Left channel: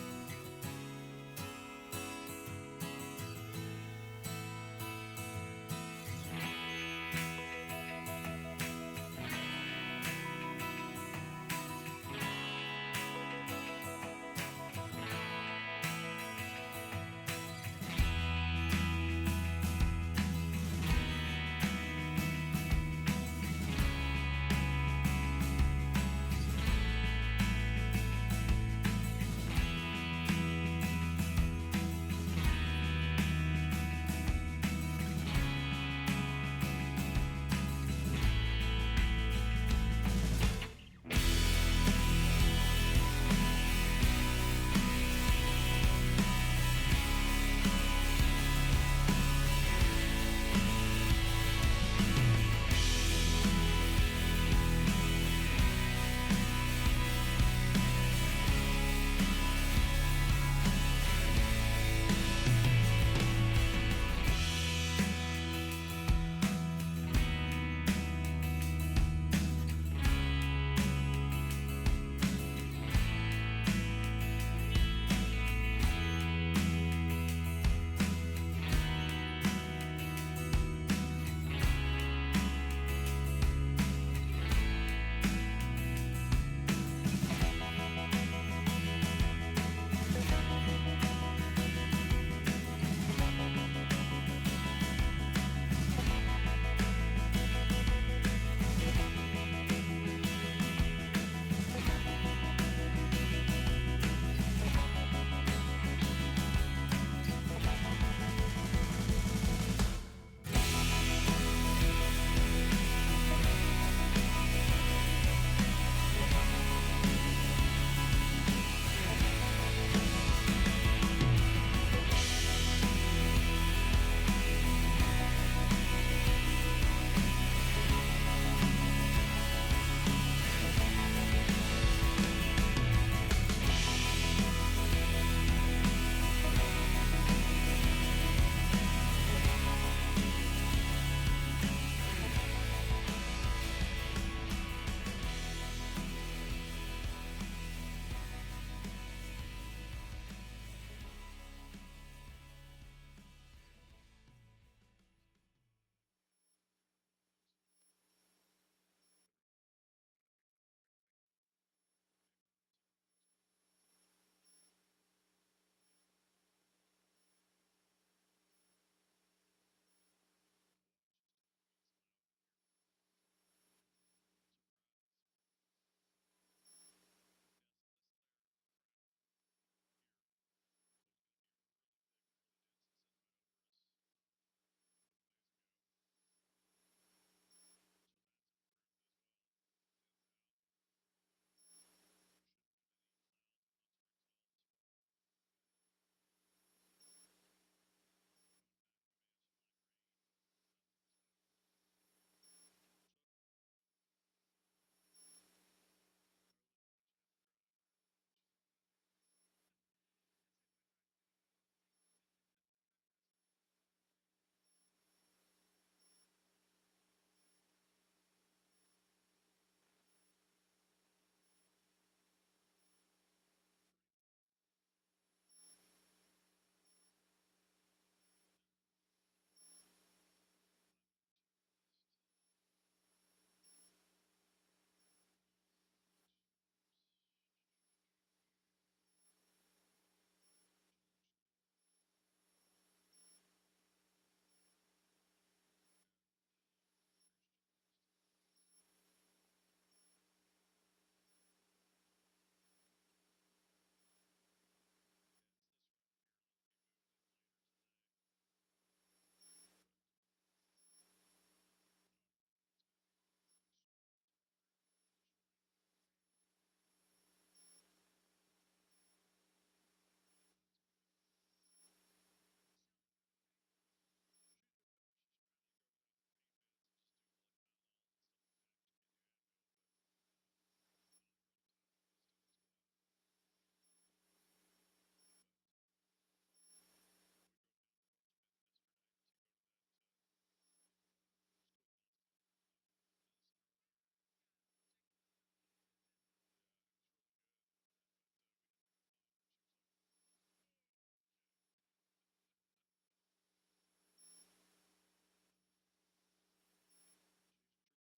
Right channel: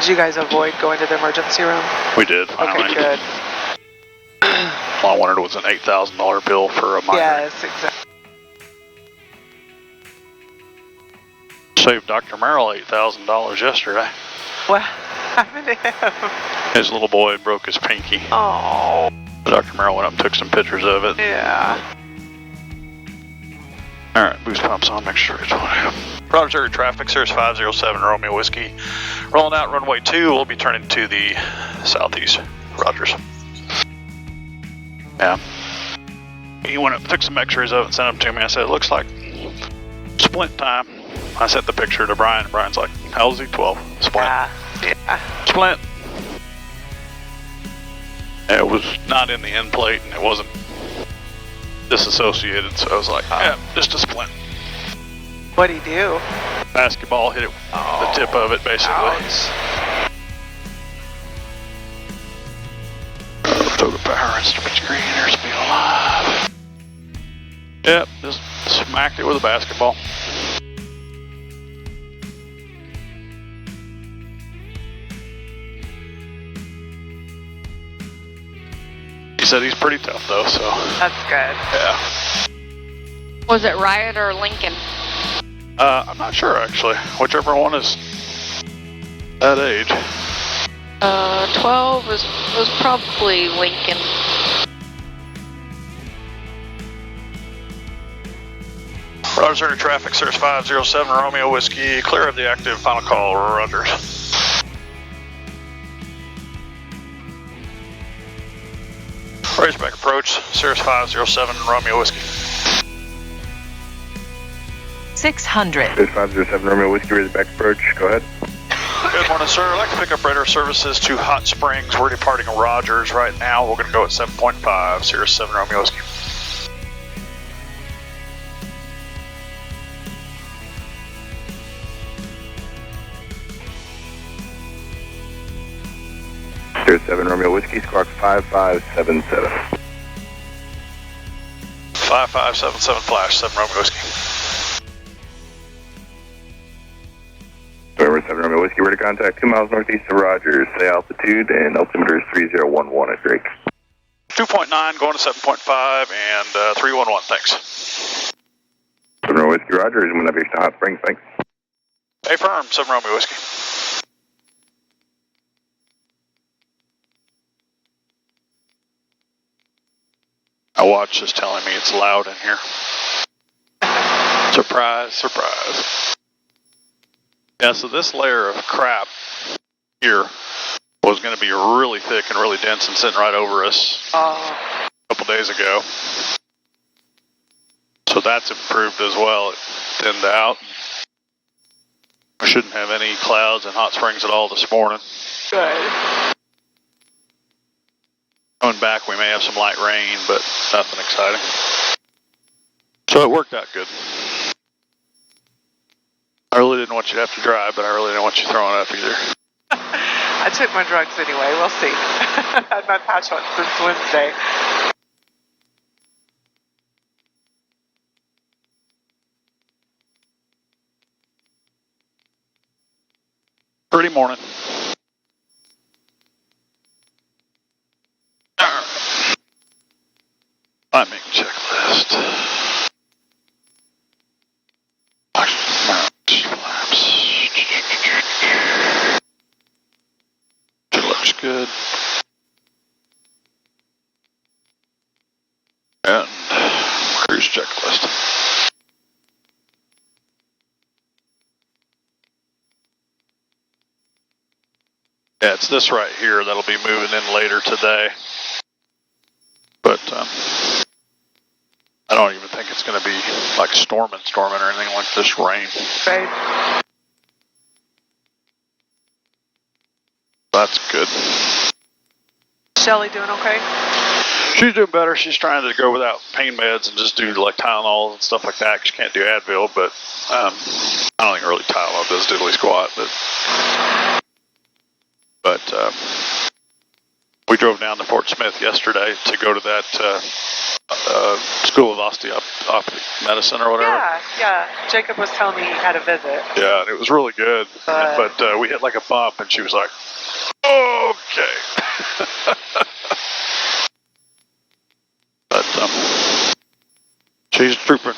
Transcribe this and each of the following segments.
Did you guys avoid going to the emergency room? We did, finally. Okay, good. All I wanted was an $8,000 bill for a migraine. Yes, exactly. Saved Dr. Merrill $8,000 yesterday. What happened to him? His little boy broke his pinky. Oh. Dr. Merrill went up and took some pictures of it. Yeah. All right, boost pumps on, make sure it's on. Roger, traffic, Cirrus 507 Romeo Whiskey. Rolling out runway 2, we'll be turning to the southeast. Rogers. Yeah. He went up, took some x-rays of it and sent them to me. I said, it looks like splint time. I sent the picture to Brian. Brian's like, how old is he? 12. Splint. Yeah. Splint. It was not in the end plate and it wasn't disassociated, so I was like, yeah, just a splint. What'd he do? Basketball hit it, the tip of it, basically. Ouch. Throw the power instrument screen, airspeed alive. Yep, just smacked it with a basketball. He said he's pretty tough though, so. That's good. Yeah. Was it Riot or Lincoln? I'm not sure actually. Whichever one is that age. 12 was probably Lincoln. Roger to traffic, Cirrus 507 Romeo Whiskey, clear of the active, final call, Rogers. Raceback approach, Cirrus 507 Romeo Whiskey. 600. Cirrus 507 Romeo Whiskey, Raceback approach, go ahead. Good morning, sir. I'd like to pick up radar services to Hot Springs. We're departing Rogers right now. We're going to go at 7.5, Cirrus 7 Romeo Whiskey. Cirrus 7 Romeo Whiskey, squawk 5577. 5577 flash, 7 Romeo Whiskey. November 7 Romeo Whiskey, we're to contact 2 miles northeast of Rogers. Say altitude and altimeter is 3011 at Drake. 2.9 going to 7.5 and 311, thanks. 7 Romeo Whiskey, Rogers, and when Aviation to Hot Springs, thanks. Hey, firm, 7 Romeo Whiskey. My watch is telling me it's loud in here. Surprise, surprise. Yeah, so this layer of crap here was going to be really thick and really dense and sitting right over us a couple days ago. So that's improved as well. It thinned out. We shouldn't have any clouds in Hot Springs at all this morning. Good. Going back, we may have some light rain, but nothing exciting. So it worked out good. I really didn't want you to have to drive, but I really didn't want you throwing up either. I took my drugs anyway. We'll see. I've had my patch on since Wednesday. Pretty morning. Timing checklist. Flaps. It looks good. And cruise checklist. Yeah, it's this right here that'll be moving in later today. But I don't even think it's going to be like storming or anything like this rain. Right. That's good. Shelly doing okay? She's doing better. She's trying to go without pain meds and just do like Tylenol and stuff like that. She can't do Advil, but I don't think really Tylenol does diddly squat. But we drove down to Fort Smith yesterday to go to that School of Osteopathic Medicine or whatever. Yeah. Jacob was telling me he had a visit. Yeah, and it was really good. But we hit like a bump, and she was like, okay. But she's a trooper.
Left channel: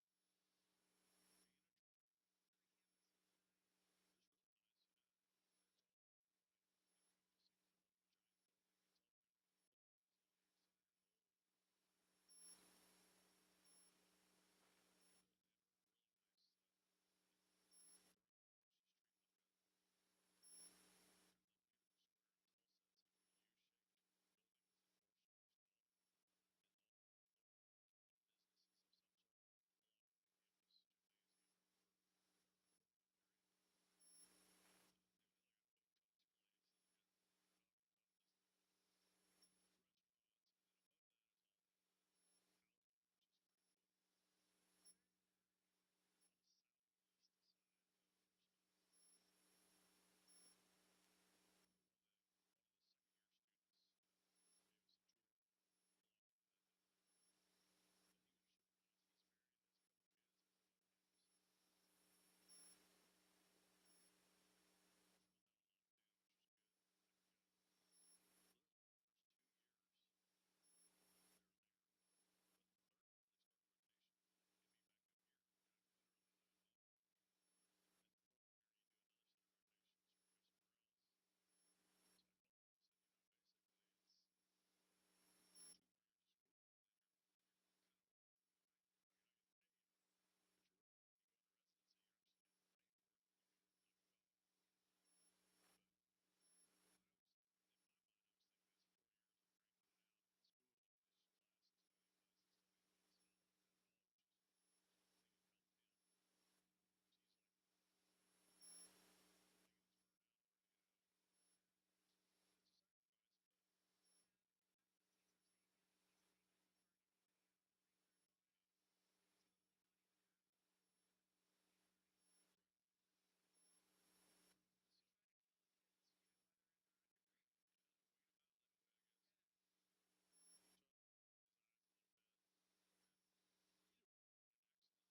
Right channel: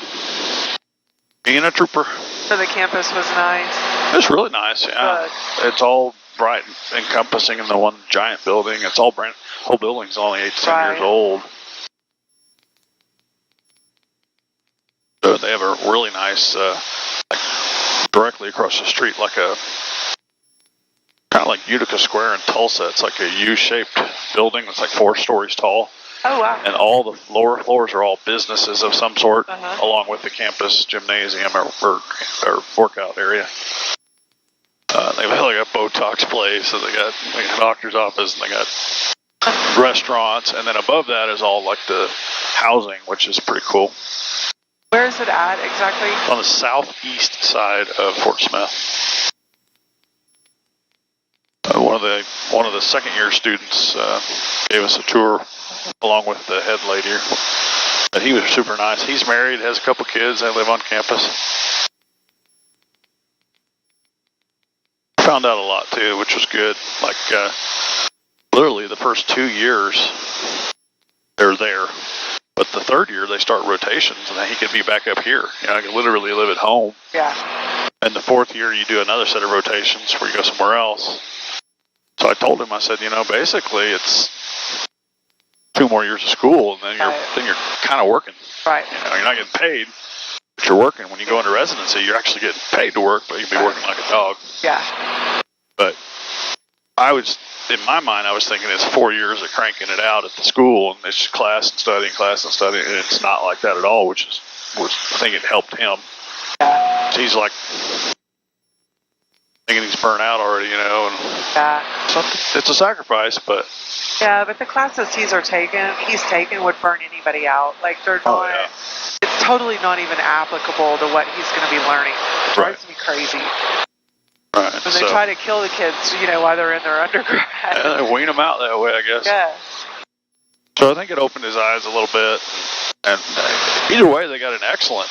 Being a trooper. So the campus was nice. It's really nice, yeah. It's all bright and encompassing in the one giant building. It's all brand. Whole building's only 8 to 10 years old. So they have a really nice, like directly across the street, like a kind of like Utica Square in Tulsa. It's like a U-shaped building that's like 4 stories tall. Oh, wow. And all the lower floors are all businesses of some sort, along with the campus gymnasium or workout area. They have like a Botox place, and they got like a doctor's office, and they got restaurants, and then above that is all like the housing, which is pretty cool. Where is it at exactly? On the southeast side of Fort Smith. One of the second year students gave us a tour along with the head lady. But he was super nice. He's married, has a couple kids. They live on campus. Found out a lot too, which was good. Like literally the first 2 years they're there, but the third year they start rotations, and then he could be back up here. You know, I could literally live at home. Yeah. And the fourth year you do another set of rotations where you go somewhere else. So I told him, I said, you know, basically it's 2 more years of school, and then you're kind of working. Right. You know, you're not getting paid, but you're working. When you go into residency, you're actually getting paid to work, but you'll be working like a dog. Yeah. But in my mind, I was thinking it's 4 years of cranking it out at the school, and it's just class and studying, and it's not like that at all, which I think it helped him. So he's like thinking he's burnt out already, you know, and it's a sacrifice, but. Yeah, but the classes he's taken would burn anybody out. Like they're not. It's totally not even applicable to what he's going to be learning. It drives me crazy. Right. When they try to kill the kids, you know, while they're in their undergrad. Yeah, they wean them out that way, I guess. Yes. So I think it opened his eyes a little bit, and either way, they got an excellent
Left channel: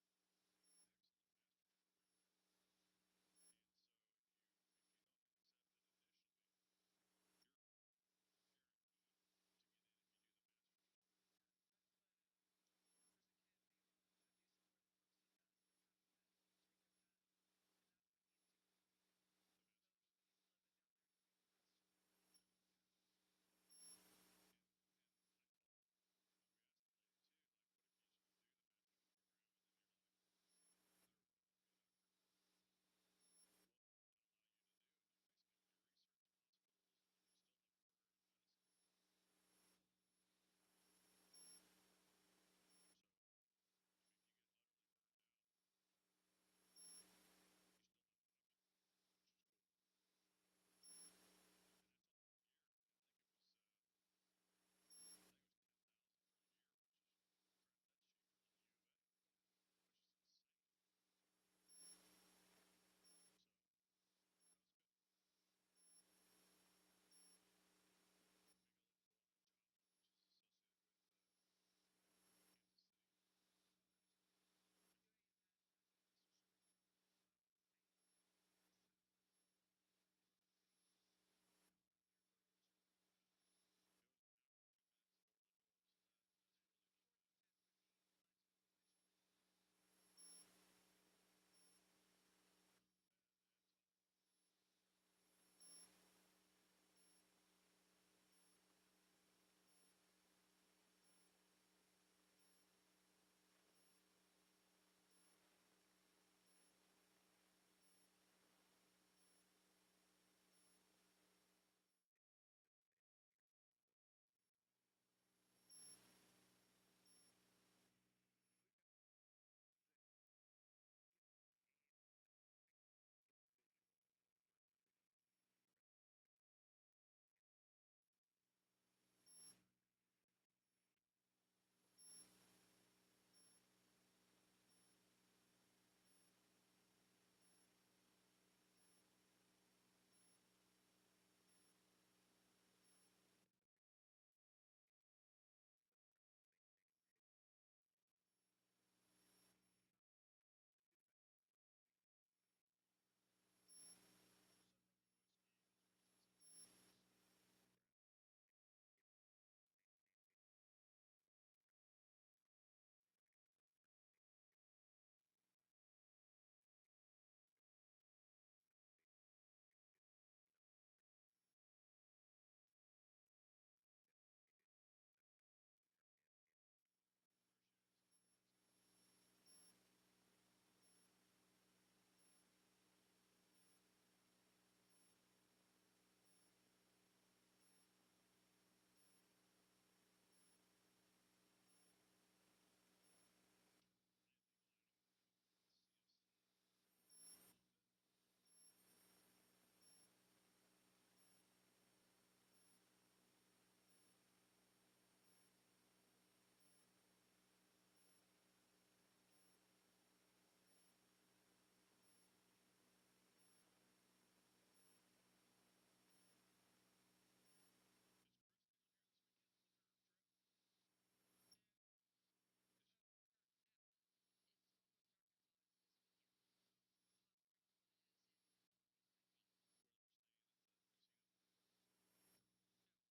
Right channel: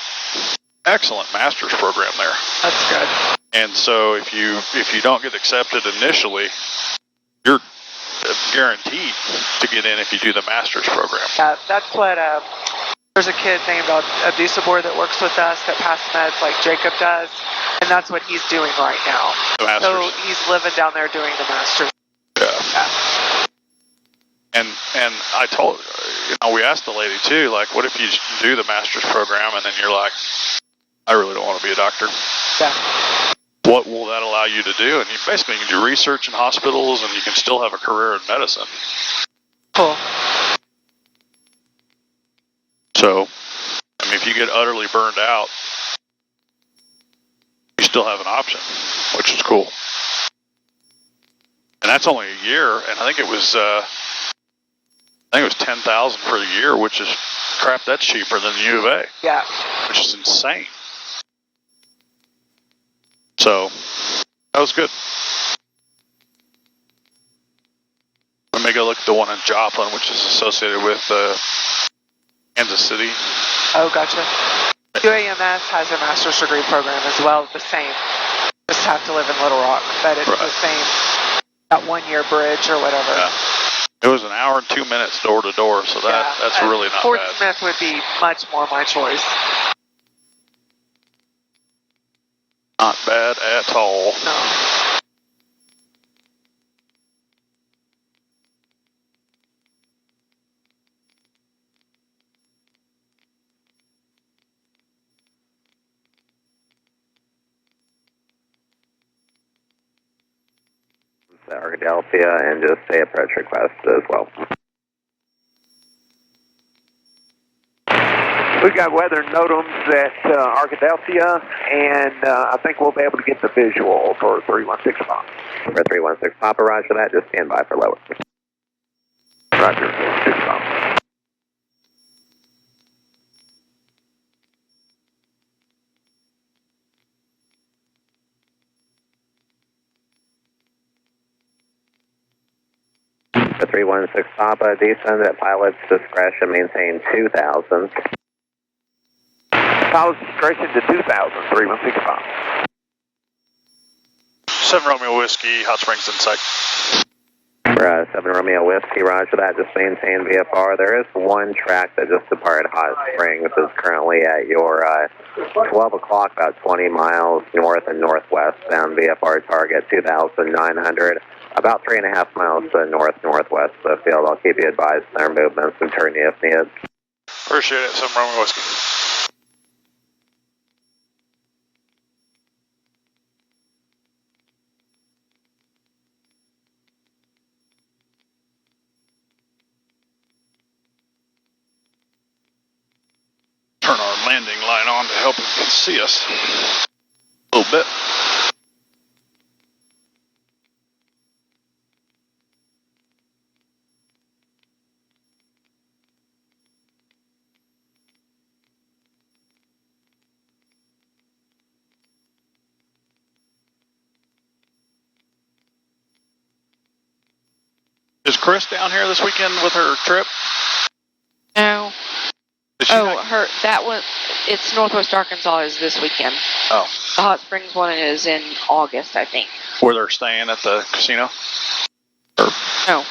master's program there. That's good. And so if you don't get accepted initially, you're guaranteed to get in if you do the master's program. Yeah, that's what. There's a kid named Abdusabor that works with us that passed meds like Jacob does, and that's what he's doing right now. The masters. So he's living down there doing the master's. Yeah. And I told, you know, we asked the lady too, like, what if you do the master's program and then you're like, I really don't want to be a doctor. Yeah. What will that allow you to do? And you basically can do research in hospitals, and you can still have a career in medicine. Cool. So, I mean, if you get utterly burned out, you still have an option, which is cool. And that's only a year, and I think it was $10,000 for the year, which is crap. That's cheaper than the U of A. Yeah. Which is insane. So that was good. Let me go look at the one in Joplin, which is associated with Kansas City. Oh, gotcha. UAMS has a master's degree program as well, the same. Just have to live in Little Rock, but it's the same. That 1 year bridge or whatever. Yeah. It was an hour and 2 minutes door to door, so that's really not Fort bad. Smith would be much more my choice. Not bad at all. No. Arkadelphia, and just say approach request as well. We've got weather NOTAMs at Arkadelphia, and I think we'll be able to get the visual for 316 Papa. For 316 Papa, roger that. Just stand by for lower. Roger, 6 Papa. For 316 Papa, descend at pilot's discretion, maintain 2,000. Pilot's discretion to 2,000, 316 Papa. 7 Romeo Whiskey, Hot Springs in sight. 7 Romeo Whiskey, roger that, just maintain VFR. There is one track that just departed Hot Springs, is currently at your 12 o'clock, about 20 miles north and northwest, bound VFR target 2,900, about 3.5 miles to the northwest of the field. I'll keep you advised of their movements and turn you if needed. Appreciate it, 7 Romeo Whiskey. Turn our landing line on to help him see us a little bit. Is Chris down here this weekend with her trip? No. Oh, It's Northwest Arkansas is this weekend. Oh. The Hot Springs one is in August, I think. Where they're staying at the casino? No.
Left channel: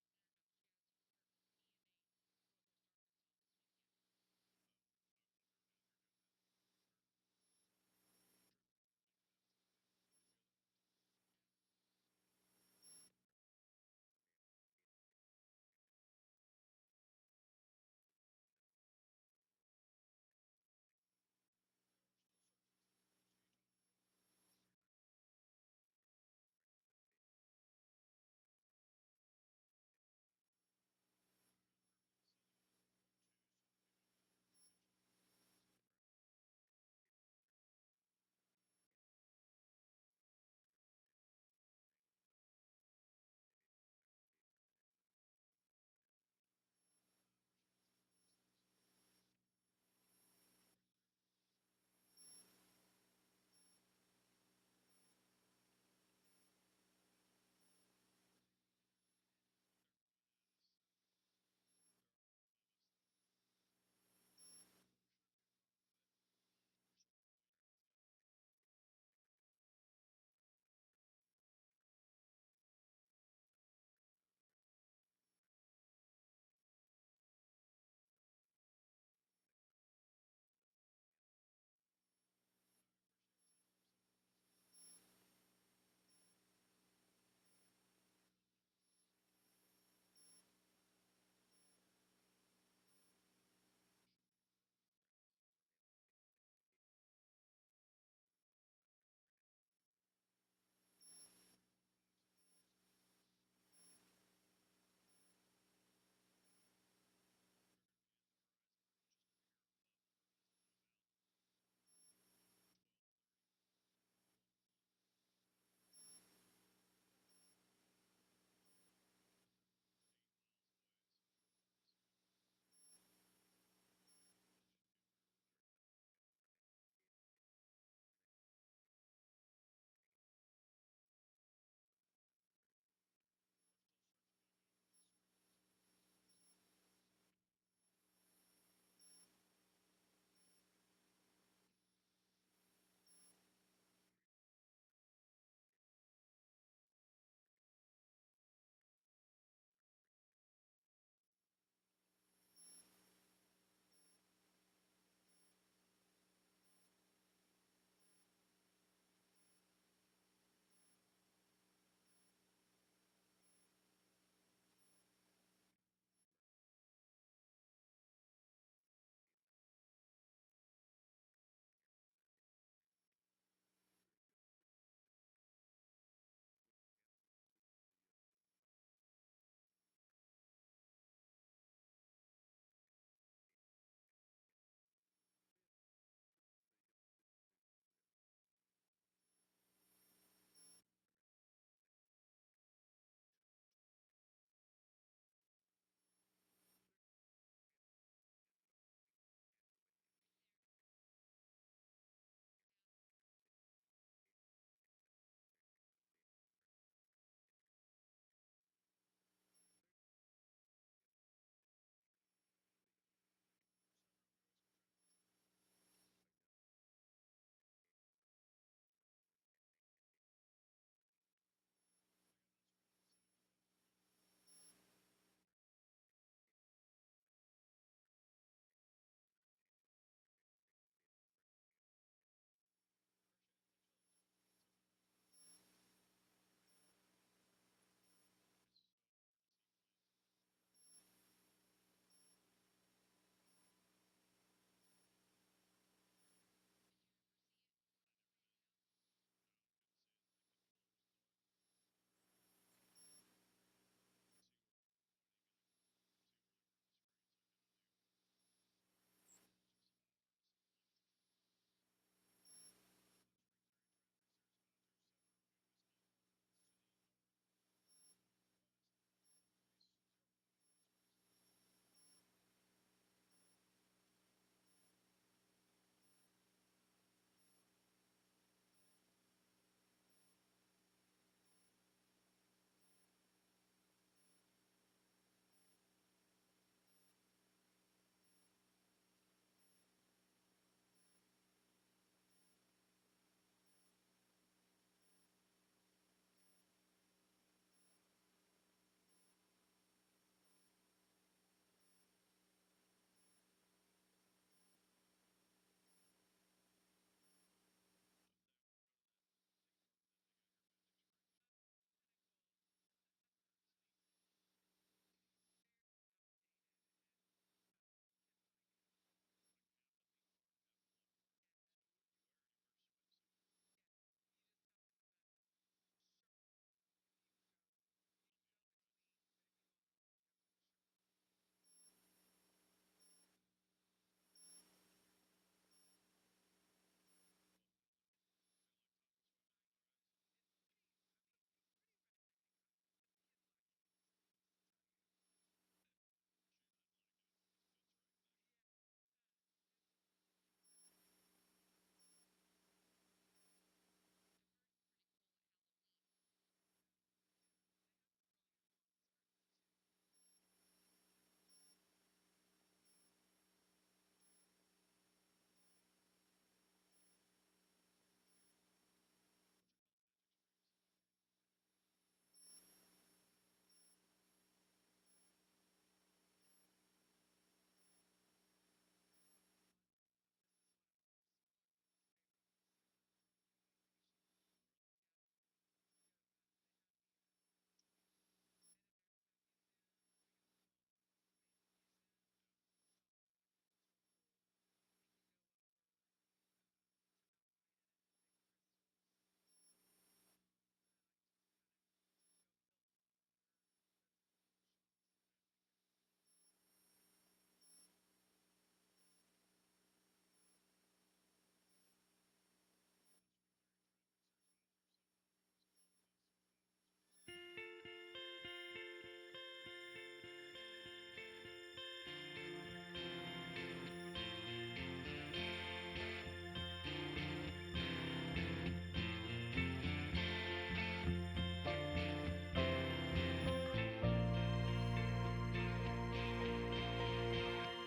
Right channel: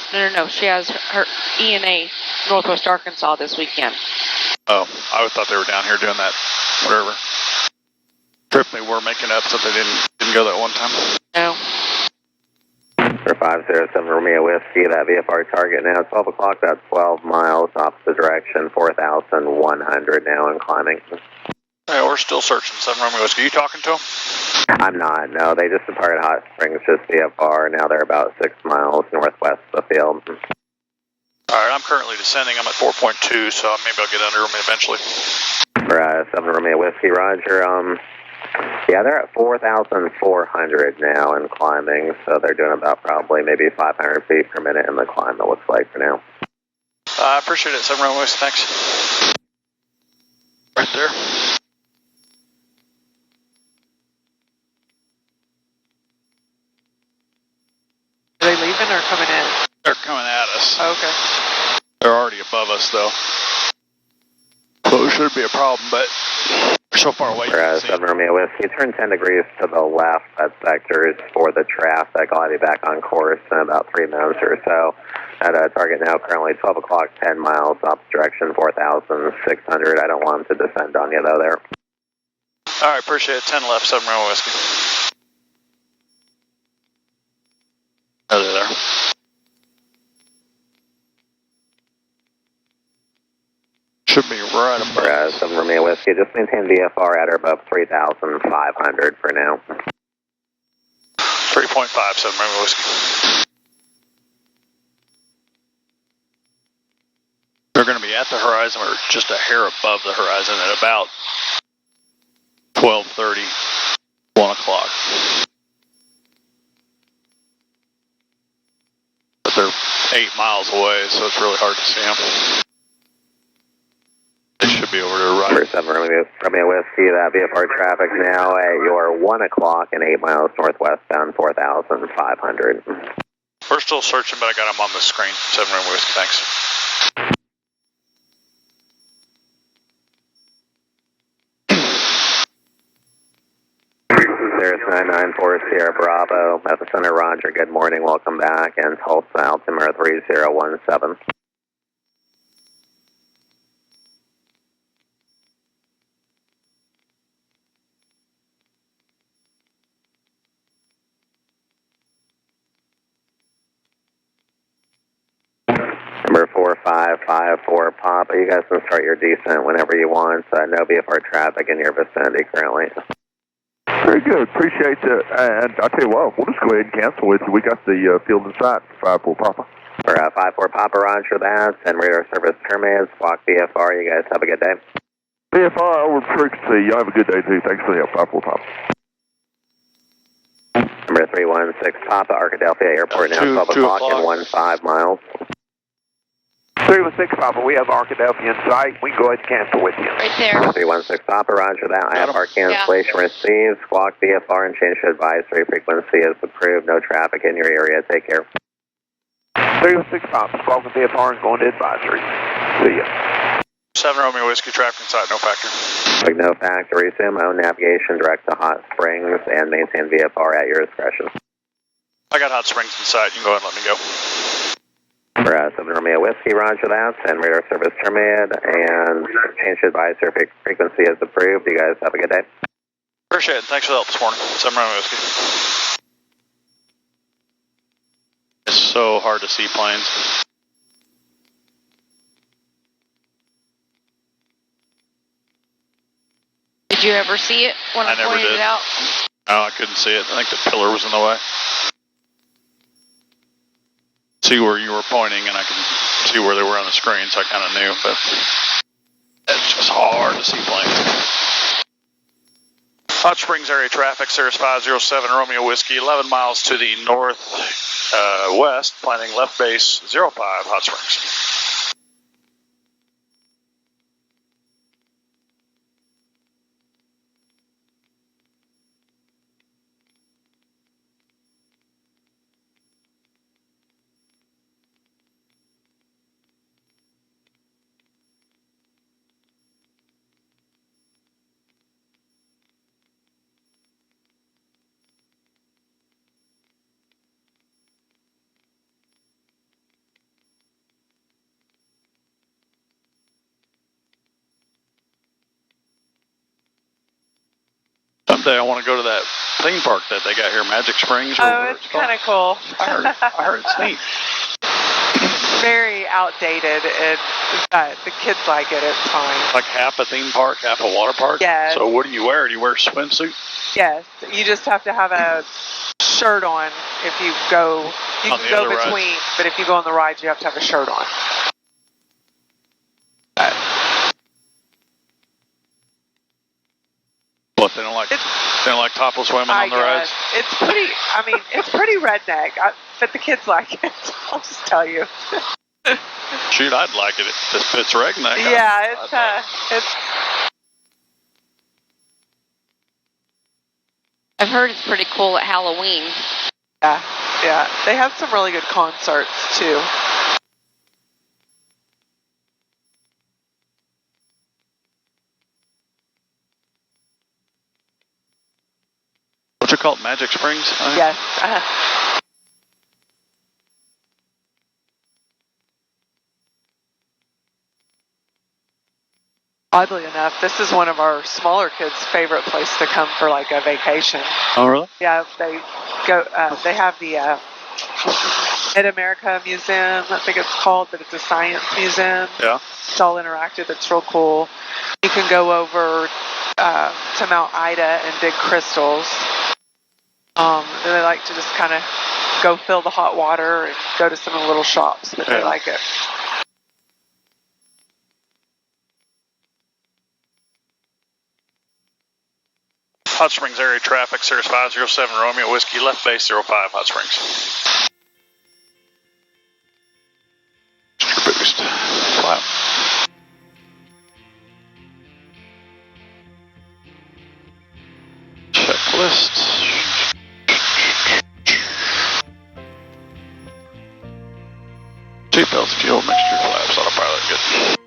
She has her ENA Northwest Arkansas this weekend. Oh, I thought they were down here doing that, whatever trip they were making up, so they didn't go that one time. No. For 507 Romeo Whiskey, that VFR target now 12 o'clock, that's 12 miles opposite direction, 4,100 now and climbing. Yeah, we're still searching 7 Romeo Whiskey. You talking to them? I'm not, no, they just departed Hot Springs, just VFR, now they're about 6 miles northwest of the field. Alright, I'm currently descending, I'm at 4.2, so maybe I'll get under them eventually. For 7 Romeo Whiskey, roger, yeah, they're at 4,400 now and climbing, so they're doing about probably maybe 500 feet per minute in the climb, it looks like for now. I appreciate it, 7 Romeo Whiskey, thanks. Right there. Are they leaving or coming in? They're coming at us. Oh, okay. They're already above us, though. So it shouldn't be a problem, but we're so far away. For 7 Romeo Whiskey, turn 10 degrees to the left. That sector is for the traffic. I'll have you back on course in about 3 minutes or so. At a target now, currently 12 o'clock, 10 miles, opposite direction, 4,600. I don't want them to descend on you, though, there. All right, appreciate it. 10 left, 7 Romeo Whiskey. Oh, they're there. Should be right above. 7 Romeo Whiskey, just maintain VFR at or above 3,500 for now. 3.5, 7 Romeo Whiskey. They're going to be at the horizon or just a hair above the horizon at about 12:30, 1 o'clock. But they're 8 miles away, so it's really hard to see them. They should be over to the right. Number 7 Romeo Whiskey, that VFR traffic now at your 1 o'clock and 8 miles northwest bound, 4,500. We're still searching, but I got them on the screen. 7 Romeo Whiskey, thanks. Cirrus 994 Sierra Bravo, Epicenter Roger, good morning, welcome back, and Tulsa altimeter 3017. Number 4554 Papa, you guys can start your descent whenever you want. No VFR traffic in your vicinity currently. Very good, appreciate that. And I'll tell you what, we'll just go ahead and cancel with you. We got the field in sight, 54 Papa. For 54 Papa, roger that. And radar service terminated, squawk VFR. You guys have a good day. VFR over frequency. Y'all have a good day too. Thanks for the help, 54 Papa. Number 316 Papa, Arkadelphia Airport now, 12 o'clock and 15 miles. 316 Papa, we have Arkadelphia in sight. We can go ahead and cancel with you. Right there. 316 Papa, roger that. I have our cancellation received. Squawk VFR and change to advisory frequency is approved. No traffic in your area. Take care. 316 pops, squawking VFR and going to advisory. See ya. 7 Romeo Whiskey, traffic inside, no factor. No factor, resume own navigation direct to Hot Springs and maintain VFR at your discretion. I got Hot Springs in sight, you can go ahead and let me go. For 7 Romeo Whiskey, roger that, and radar service terminated, and change to advisor frequency is approved. You guys have a good day. Appreciate it, thanks for the help this morning. 7 Romeo Whiskey. It's so hard to see planes. Did you ever see it when I never pointed did. it out? No, I couldn't see it. I think the pillar was in the way. See where you were pointing, and I could see where they were on the screen, so I kind of knew, but it's just hard to see planes. Hot Springs area traffic, Cirrus 507 Romeo Whiskey, 11 miles to the north west, planning left base 05 Hot Springs. Someday I want to go to that theme park that they got here, Magic Springs. Or Oh, it's kind of cool. I heard it's neat. Very outdated, and the kids like it. It's fine. Like half a theme park, half a water park? Yes. So what do you wear? Do you wear a swimsuit? Yes, you just have to have a shirt on if you go. You On can the go other between, rides. but if you go on the rides, you have to have a shirt on. What, they don't like topless women on the rides? It's pretty. I mean, it's pretty redneck, but the kids like it. I'll just tell you. Shoot, I'd like it if this fits redneck. Yeah, it's. I've heard it's pretty cool at Halloween. Yeah. They have some really good concerts too. What's it called? Magic Springs? Yes. Oddly enough, this is one of our smaller kids' favorite place to come for like a vacation. Oh, really? Yeah, they go. They have the Mid-America Museum, I think it's called, but it's a science museum. Yeah. It's all interactive. It's real cool. You can go over to Mount Ida and dig crystals. And they like to just kind of go fill the hot water and go to some of the little shops, but they like it. Hot Springs area traffic, Cirrus 507 Romeo Whiskey, left base 05 Hot Springs. Boost. Wow. Checklist. Seatbelts, fuel, mixture, flaps, autopilot, good.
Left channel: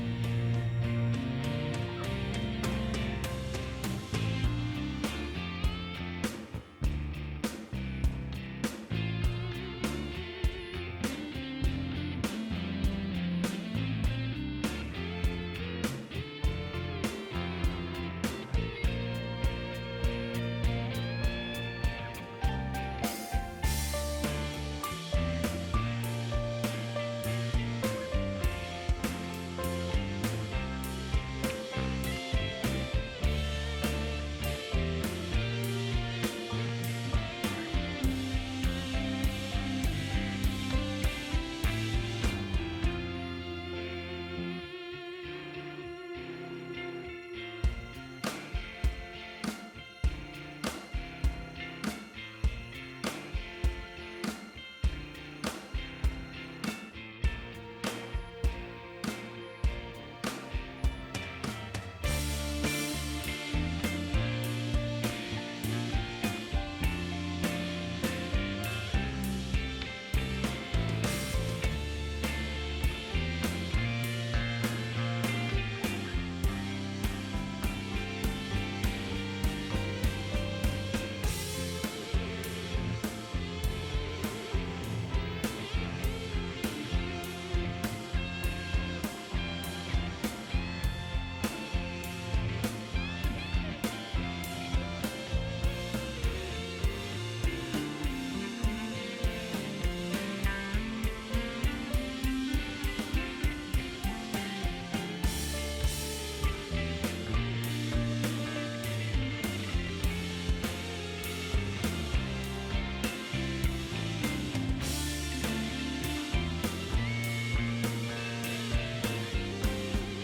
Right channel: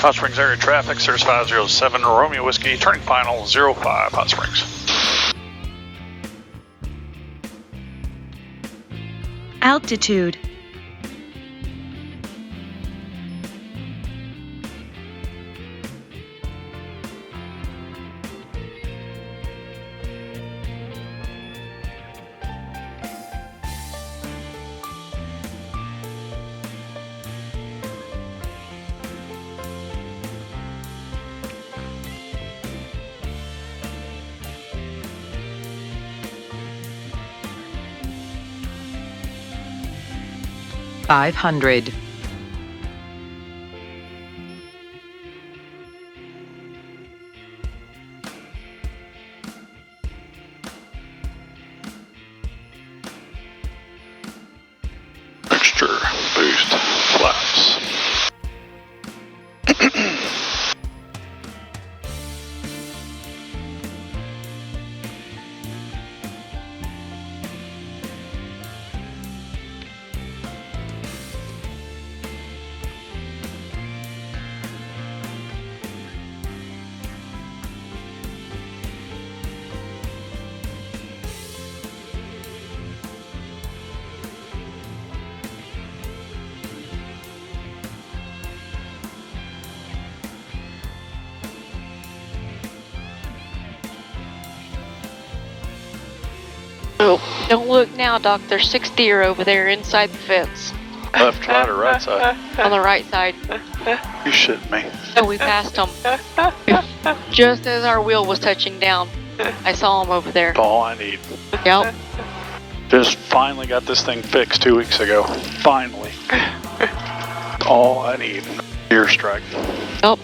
Hot Springs area traffic, Cirrus 507 Romeo Whiskey, turning final 05 Hot Springs. Altitude. 500. Extra boost flaps. Oh, don't look now, Doc. There's 6 deer over there inside the fence. Left side or right side? On the right side. You shitting me. So we passed them. Just as our wheel was touching down, I saw them over there. That's all I need. Yep. Just finally got this thing fixed 2 weeks ago. Finally. All I need. Deer strike. Yep.